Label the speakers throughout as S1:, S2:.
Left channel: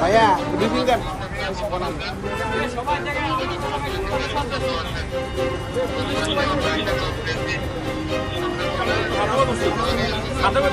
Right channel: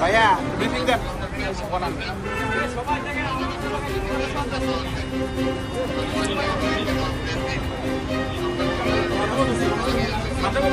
S1: ভাইয়া রিভিউ দেন।
S2: আপনাদের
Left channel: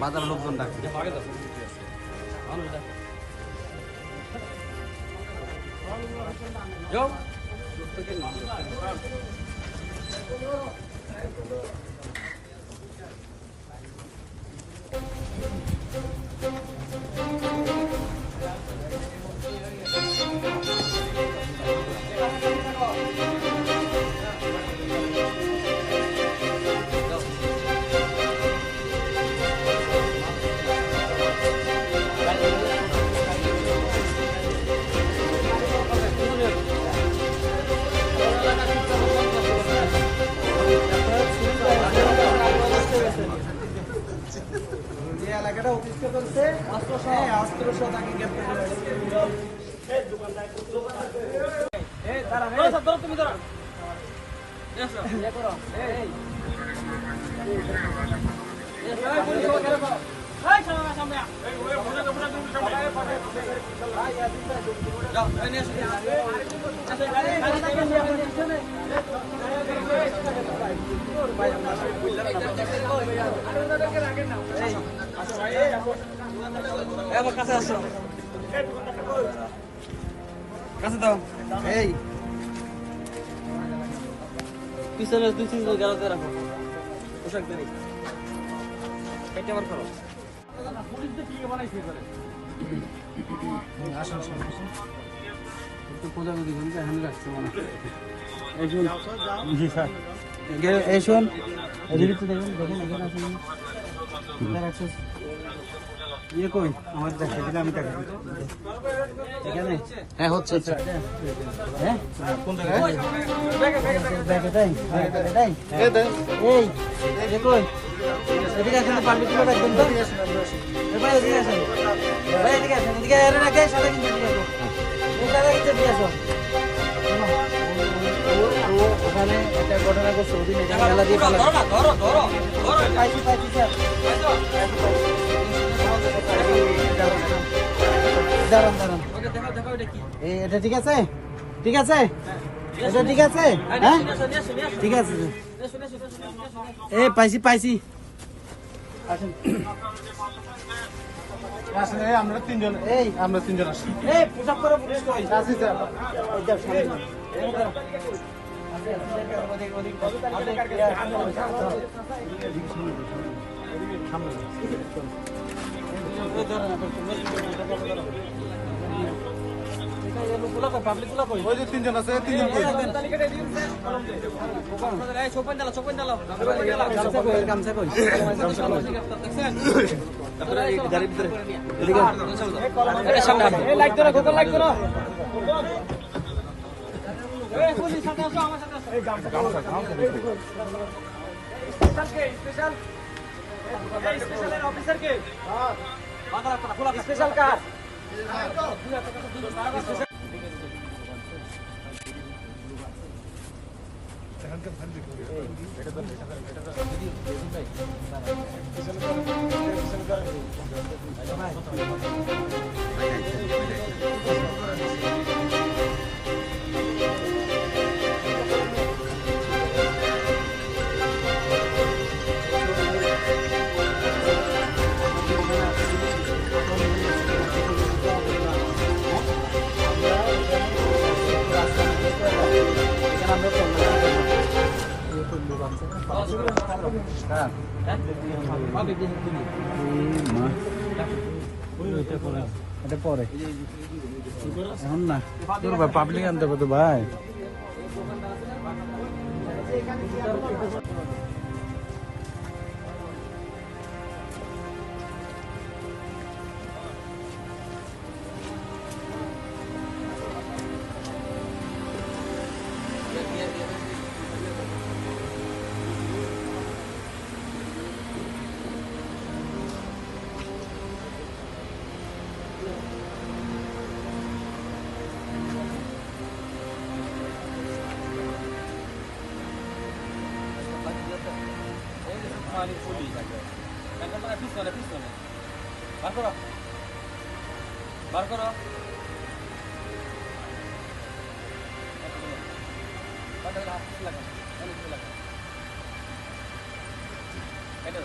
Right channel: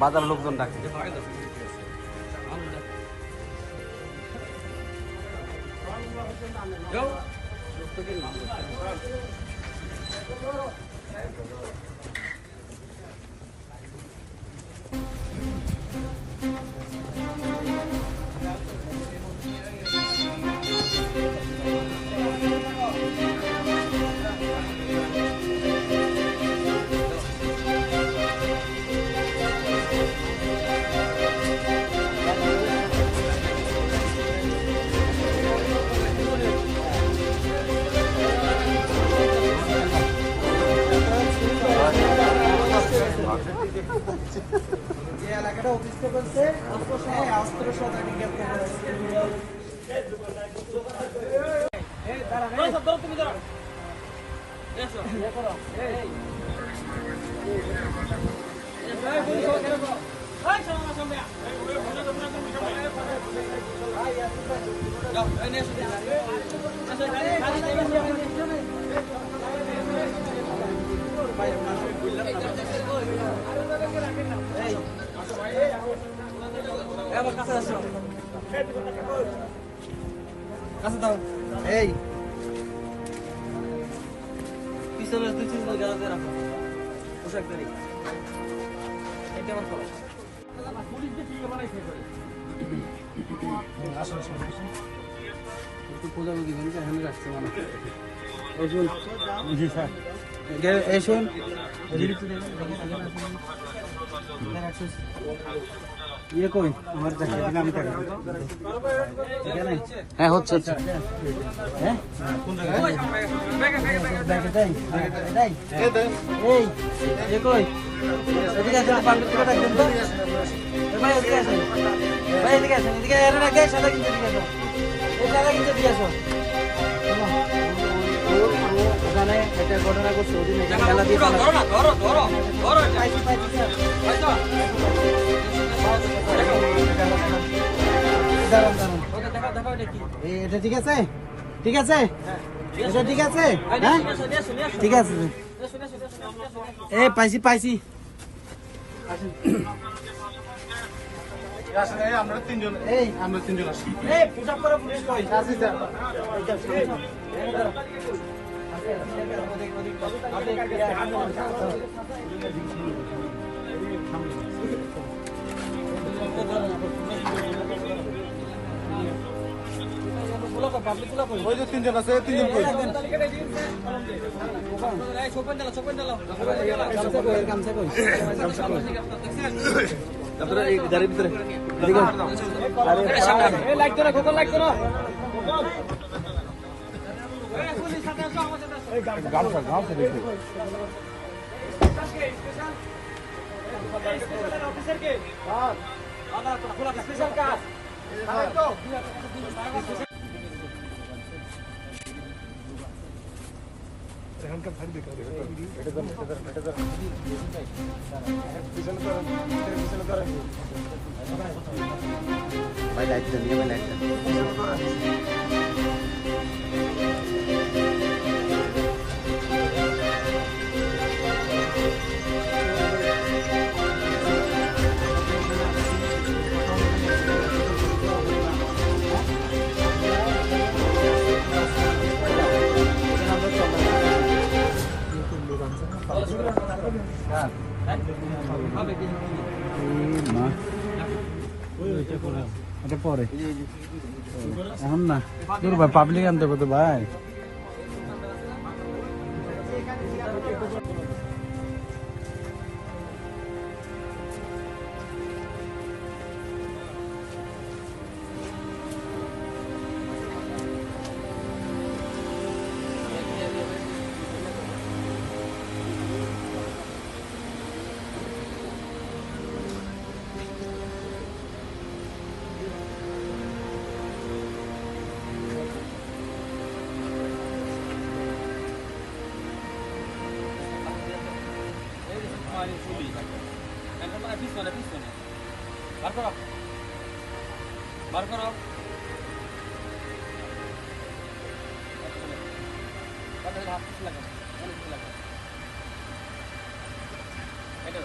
S1: বাজার লোকজন ডাকছে।
S3: যে করছে। হ্যাঁ অস্ত্র সহ তাকে গ্রেপ্তার করা হয়েছে। এই,
S2: আমার কাছে আসো। কাছে দাও
S3: এই,
S2: পিছনে দুই তিন জন গাড়াতে রাখো পোশাক দাঁড়ি এটা আমার খবর
S3: এই শুন। ইয়ে কই আমার দেখা দিলে আমি দেখা। এখানে
S1: হ্যাঁ হচ্ছে হচ্ছে
S3: হ্যাঁ ব্যাগে দেয় ব্যাগে দেয়
S1: এই
S3: এ কই এদিকে আসেন রাখবেন তো। এদিকে আসেন। ভাই এদিকে আসেন এদিকে এর না সাদা কিনতে দিয়ে আসো এই সাদা কিনতে দিয়ে আসো। ওখানে একটা ঘটনা করছে ওদিন এখানে মেলা দিয়ে পালা।
S2: ধরো না ধরো ধরো ধরো
S3: পাইছি পাইছি দাঁড়ান দাঁড়ান।
S2: ওকে দেখাও দেখাও এটা কি।
S3: এই এটা ঠিক আছে? ঠিক আছে? এটা ঠিক আছে? হ্যাঁ? ঠিক আছে এ পাইছি পাইছি। আসেন।
S1: আমরা তিনজন
S3: এই
S1: আমরা তিনজন আসি
S3: এই পোশাক করে পুলিশ কই?
S1: আসি স্যার।
S3: সামনে। আপনি, ইয়া, পাবলিকগুলো কই?
S1: ওই যে তিনজন আছে তিনজন কই?
S2: এই সোপেন দাও সোপেন দাও
S3: গামছা কই গামছা কই? গামছা কই? এদিকে
S2: এই লাইট ধরো গোগল লাইট ধরো। এই পুলিশ সাথে আসো আমার সাথে আসো। এই গামছা স্পেশাল স্পেশালের অফিসার কে আদালত খোলা স্পেশাল কাজ
S1: ভাই লাইট ভাই লাইট
S3: পাবলিক আনতে হবে তো ভাই।
S2: পানি ফুলি একদম মানে পিছনে পিছনে। বার করো। বার করো। হাত লাগান লাগান এটা